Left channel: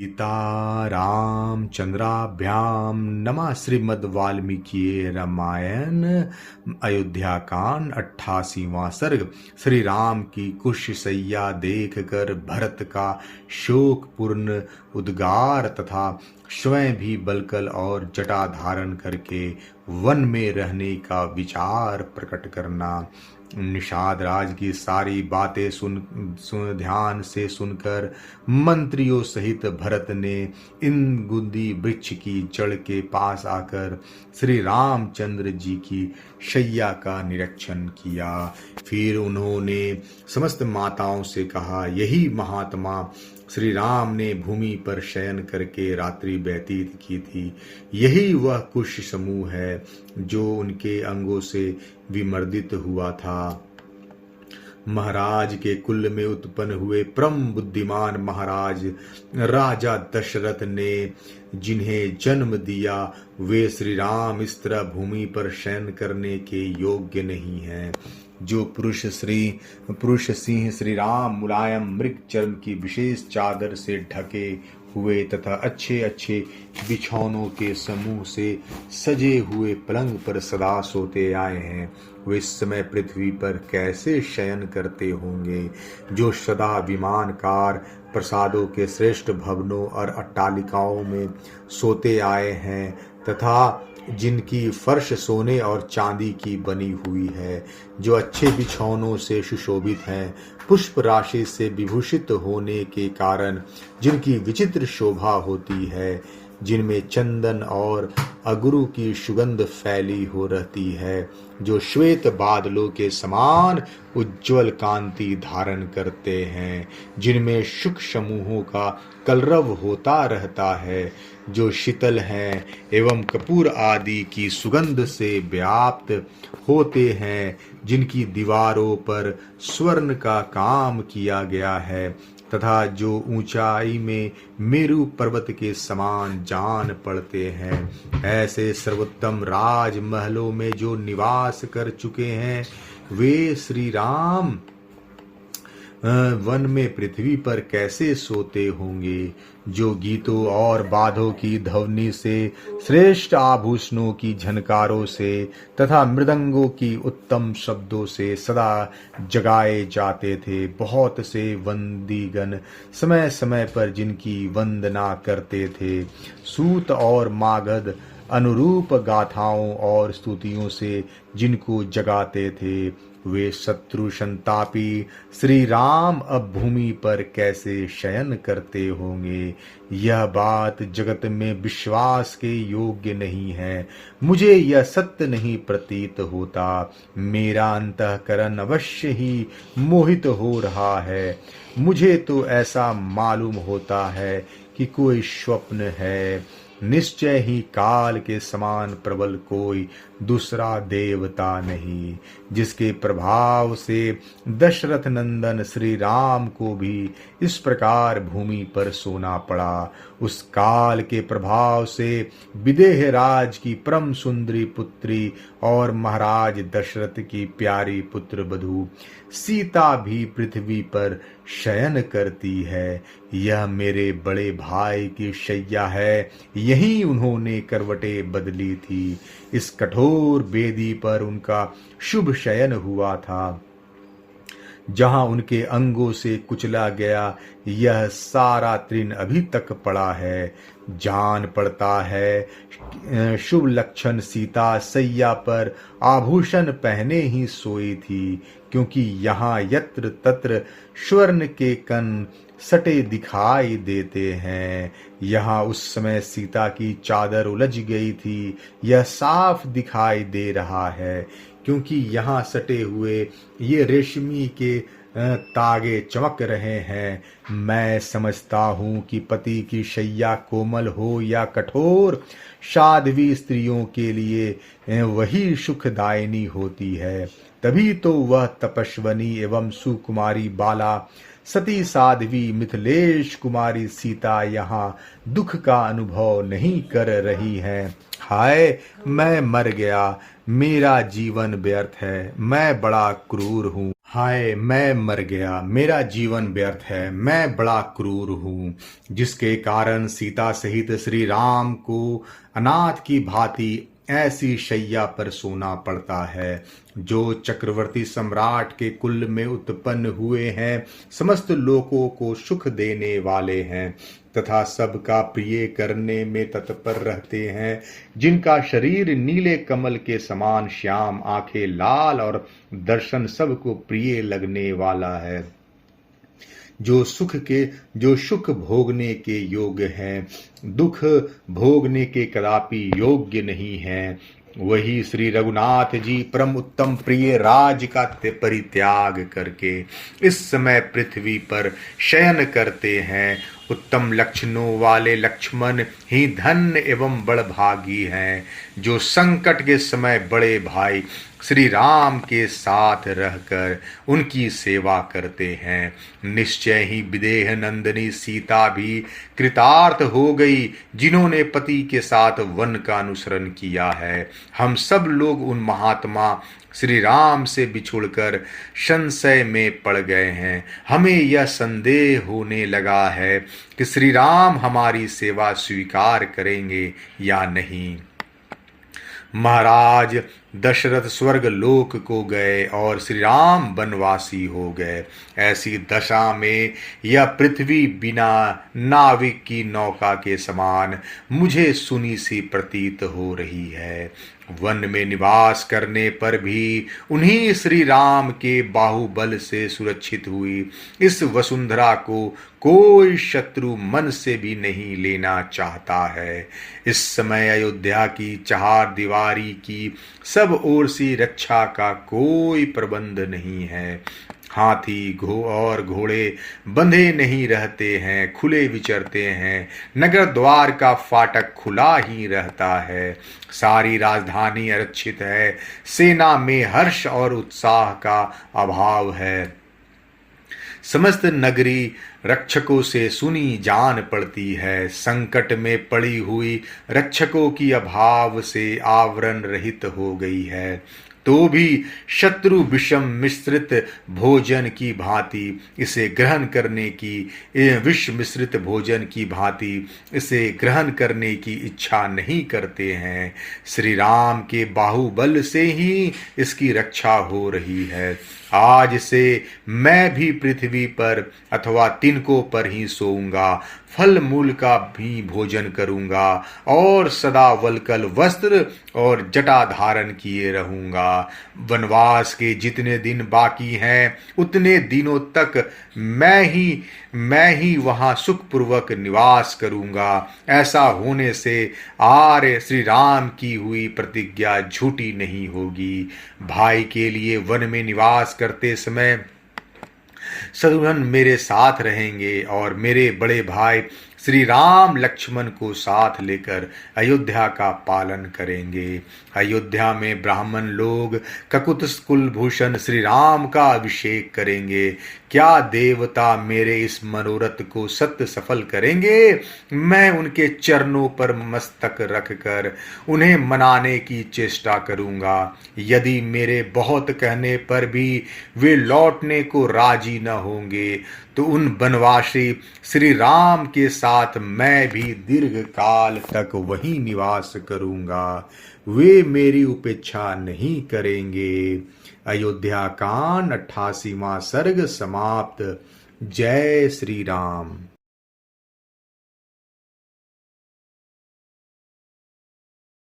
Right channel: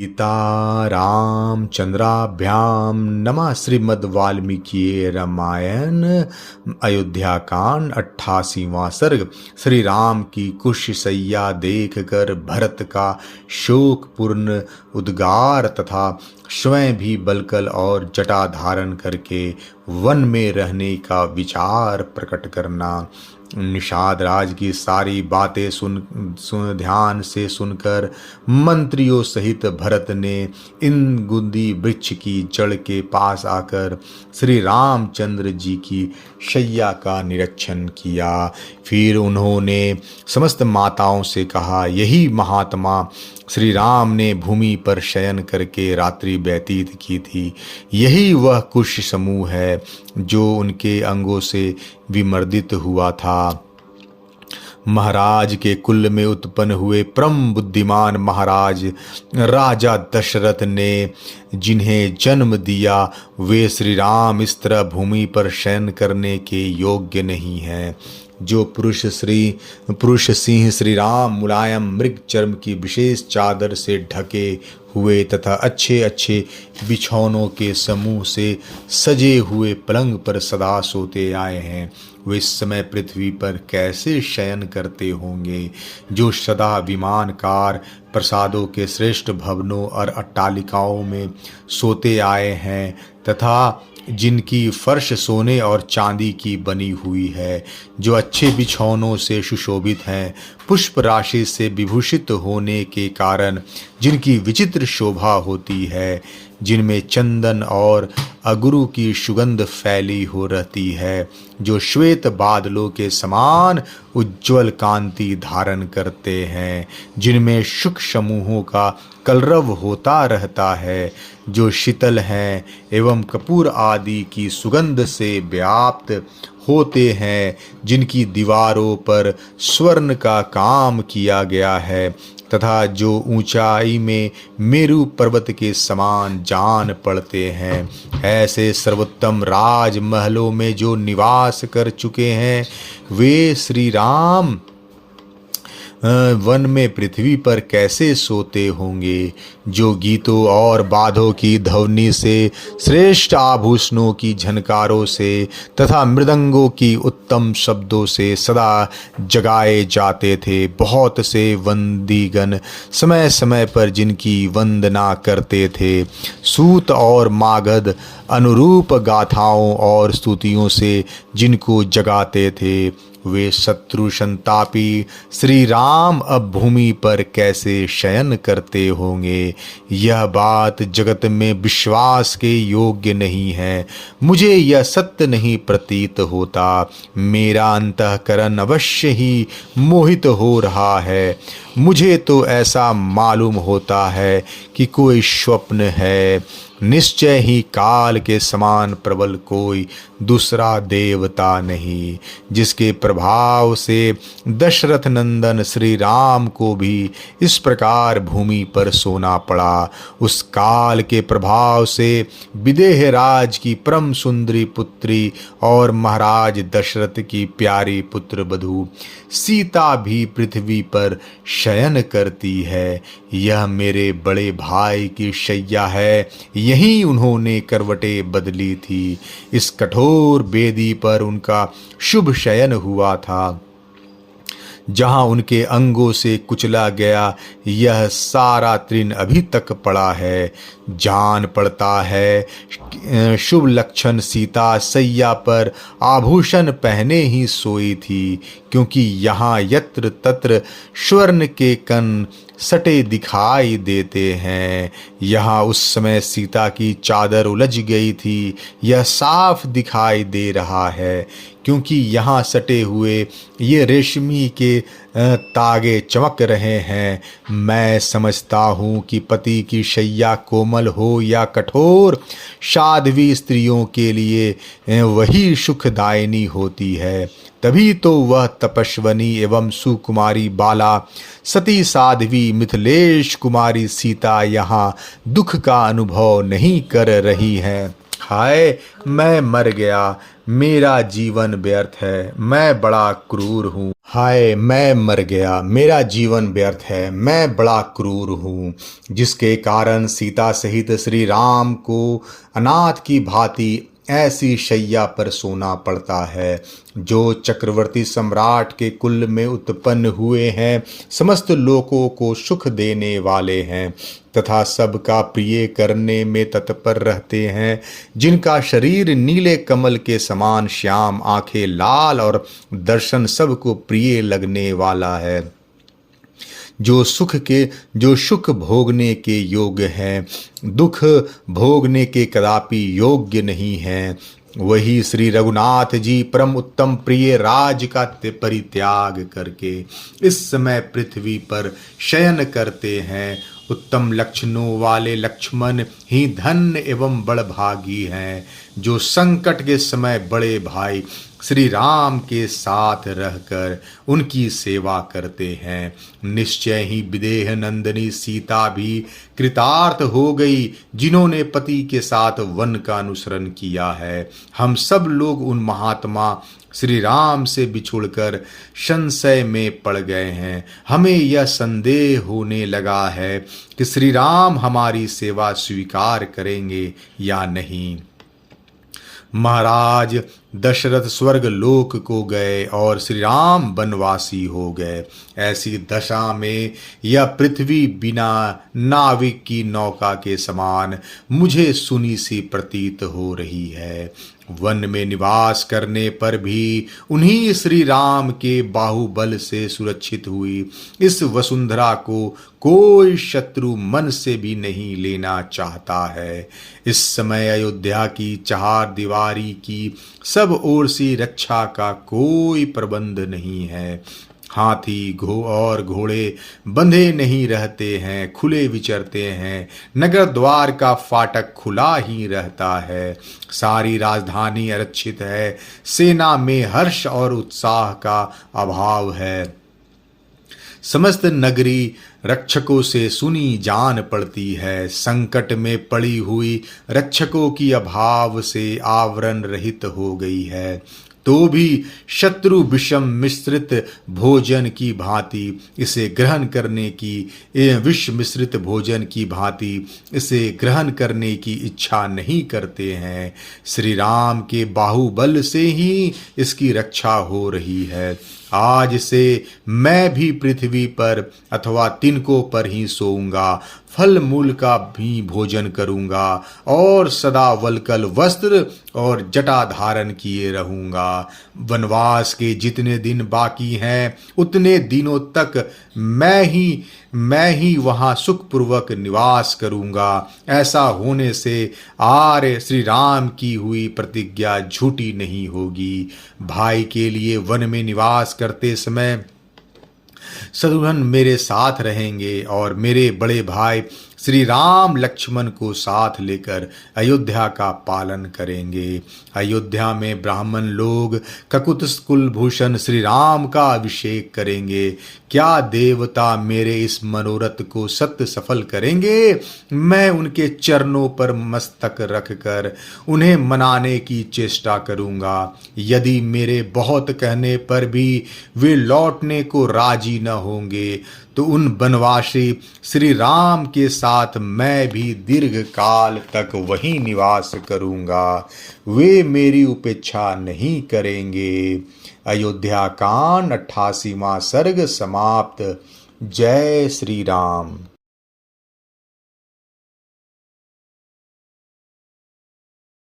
सीता रामचंद्राभ्याम नमः। श्रीमद् वाल्मीकि रामायण अयोध्या कांड 88वां सर्ग। श्री राम की कुशशय्या देख कर भरत का शोकपूर्ण उद्गार तथा स्वयं भी बलकल और जटा धारण करके वन में रहने का विचार प्रकट करना। निषाद राज की सारी बातें सुन ध्यान से सुनकर मंत्रियों सहित भरत ने इन गुंदी वृक्ष की जड़ के पास आकर श्री रामचंद्र जी की शैया का निरीक्षण किया। फिर उन्होंने समस्त माताओं से कहा, यही महात्मा श्री राम ने भूमि पर शयन करके रात्रि व्यतीत की थी। यही वह कुश समूह है जो उनके अंगों से विमर्दित हुआ था। महाराज के कुल में उत्पन्न हुए परम बुद्धिमान महाराज राजा दशरथ ने जिन्हें जन्म दिया, वे श्री राम इस तरह भूमि पर शयन करने के योग्य नहीं हैं। जो पुरुष सिंह श्री राम मुलायम मृग चर्म की विशेष चादर से ढके हुए तथा अच्छे अच्छे बिछौनों के समूह से सजे हुए पलंग पर सदा सोते आए हैं, वे इस समय पृथ्वी पर कैसे शयन करते होंगे। जो सदा विमानकार प्रसादों के श्रेष्ठ भवनों और अट्टालिकाओं में सोते आए हैं तथा जिनकी फर्श सोने और चांदी की बनी हुई है, जो अच्छे बिछौनों से सुशोभित हैं, पुष्प राशि से विभूषित होने के कारण जिनकी विचित्र शोभा होती है, जिनमें चंदन और अगरू की सुगंध फैली हो रहती है, जो श्वेत बादलों के समान उज्ज्वल कांति धारण करते हैं, जिनमें शुक समूहों का कलरव होता रहता है, जो शीतल हैं एवं कपूर आदि की सुगंध से व्याप्त होते हैं, जिनकी दीवारों पर स्वर्ण का काम किया गया है तथा जो ऊंचाई में मेरु पर्वत के समान जान पड़ते हैं, ऐसे सर्वोत्तम राजमहलों में जो निवास कर चुके हैं, वे श्री राम वन में पृथ्वी पर कैसे सोते होंगे। जो गीतों और बाधों की ध्वनि से, श्रेष्ठ आभूषणों की झनकारों से तथा मृदंगों की उत्तम शब्दों से सदा जगाए जाते थे। बहुत से वंदीगण समय समय पर जिनकी वंदना करते थे, सूत और मागध अनुरूप गाथाओं और स्तुतियों से जिनको जगाते थे, वे शत्रु संतापी श्री राम अब भूमि पर कैसे शयन करते होंगे। यह बात जगत में विश्वास के योग्य नहीं है। मुझे यह सत्य नहीं प्रतीत होता। मेरा अंतःकरण अवश्य ही मोहित हो रहा है। मुझे तो ऐसा मालूम होता है कि कोई स्वप्न है। निश्चय ही काल के समान प्रबल कोई दूसरा देवता नहीं, जिसके प्रभाव से दशरथ नंदन श्री राम को भी इस प्रकार भूमि पर सोना पड़ा। उस काल के प्रभाव से विदेह राज की परम सुंदरी पुत्री और महाराज दशरथ की प्यारी पुत्र वधू सीता भी पृथ्वी पर शयन करती है। यह मेरे बड़े भाई की शैया है, यही उन्होंने करवटें बदली थी। इस कठोर बेदी पर उनका शुभ शयन हुआ था। जहाँ उनके अंगों से कुचला गया यह सारा तृण अभी तक पड़ा है। जान पड़ता है शुभ लक्षण सीता सैया पर आभूषण पहने ही सोई थी, क्योंकि यहाँ यत्र तत्र स्वर्ण के कण सटे दिखाई देते हैं। यहाँ उस समय सीता की चादर उलझ गई थी, यह साफ दिखाई दे रहा है, क्योंकि यहाँ सटे हुए ये रेशमी के तागे चमक रहे हैं। मैं समझता हूँ कि पति की शैया कोमल हो या कठोर, साध्वी स्त्रियों के लिए वही सुखदायिनी होती है। तभी तो वह तपस्वनी एवं सुकुमारी बाला सती साध्वी मिथिलेश कुमारी सीता यहाँ दुख का अनुभव नहीं कर रही हैं। हाय, मैं मर गया, मेरा जीवन व्यर्थ है, मैं बड़ा क्रूर हूँ। हाय मैं मर गया, मेरा जीवन व्यर्थ है, मैं बड़ा क्रूर हूँ, जिसके कारण सीता सहित श्री राम को अनाथ की भांति ऐसी शैया पर सोना पड़ता है। जो चक्रवर्ती सम्राट के कुल में उत्पन्न हुए हैं, समस्त लोकों को सुख देने वाले हैं तथा सबका प्रिय करने में तत्पर रहते हैं, जिनका शरीर नीले कमल के समान श्याम, आंखें लाल और दर्शन सबको प्रिय लगने वाला है, जो सुख भोगने के योग्य हैं, दुख भोगने के कदापि योग्य नहीं हैं, वही श्री रघुनाथ जी परम उत्तम प्रिय राज का परित्याग करके इस समय पृथ्वी पर शयन करते हैं। उत्तम लक्षणों वाले लक्ष्मण ही धन्य एवं बड़भागी हैं, जो संकट के समय बड़े भाई श्री राम के साथ रहकर उनकी सेवा करते हैं। निश्चय ही विदेह नंदिनी सीता भी कृतार्थ हो गई, जिन्होंने पति के साथ वन का अनुसरण किया है। हम सब लोग उन महात्मा श्री राम से बिछुड़कर संशय में पड़ गए हैं। हमें यह संदेह होने लगा है कि श्री राम हमारी सेवा स्वीकार करेंगे या नहीं। महाराज दशरथ स्वर्ग लोक को गए और श्री राम वनवासी हो गए। ऐसी दशा में यह पृथ्वी बिना नाविक की नौका के समान मुझे सुनी सी प्रतीत हो रही है। वन में निवास करने पर भी उन्हीं श्री राम के बाहुबल से सुरक्षित हुई इस वसुंधरा को कोई शत्रु मन से भी नहीं लेना चाहता है। इस समय अयोध्या की चार दीवारी की सब ओर से रक्षा का कोई प्रबंध नहीं है। हाथी और घोड़े बंधे नहीं रहते हैं, खुले विचरते हैं। नगर द्वार का फाटक खुला ही रहता है। सारी राजधानी आरक्षित है। सेना में हर्ष और उत्साह का अभाव है। समस्त नगरी रक्षकों से सुनी जान पड़ती है। संकट में पड़ी हुई रक्षकों की अभाव से आवरण रहित हो गई है, तो भी शत्रु विषम मिश्रित भोजन की भांति इसे ग्रहण करने की विष मिश्रित भोजन की भांति इसे ग्रहण करने की इच्छा नहीं करते हैं। श्री राम के बाहुबल से ही इसकी रक्षा हो रही है। आज से मैं भी पृथ्वी पर अथवा तिनकों पर ही सोऊंगा, फल मूल का भी भोजन करूंगा और सदा वल्कल वस्त्र और जटा धारण किए रहूंगा। वनवास के जितने दिन बाकी हैं उतने दिनों तक मैं ही वहां सुखपूर्वक निवास करूंगा। ऐसा होने से आर्य श्री राम की हुई प्रतिज्ञा झूठी नहीं होगी। भाई के लिए वन में निवास करते समय शत्रुघ्न मेरे साथ रहेंगे और मेरे बड़े भाई श्री राम लक्ष्मण को साथ लेकर अयोध्या का पालन करेंगे। अयोध्या में ब्राह्मण लोग ककुत कुलभूषण श्री राम का अभिषेक करेंगे। क्या देवता मेरे इस मनोरथ को सत्य सफल करेंगे? मैं उनके चरणों पर मस्तक रखकर उन्हें मनाने की चेष्टा करूंगा। यदि मेरे बहुत कहने पर भी वे लौटने को राजी न होंगे तो उन वनवासी श्री राम के साथ मैं भी दीर्घ काल तक वहीं निवास करूंगा। वे मेरी उपेक्षा नहीं करेंगे। अयोध्या कांड 88वां सर्ग समाप्त। जय श्री राम।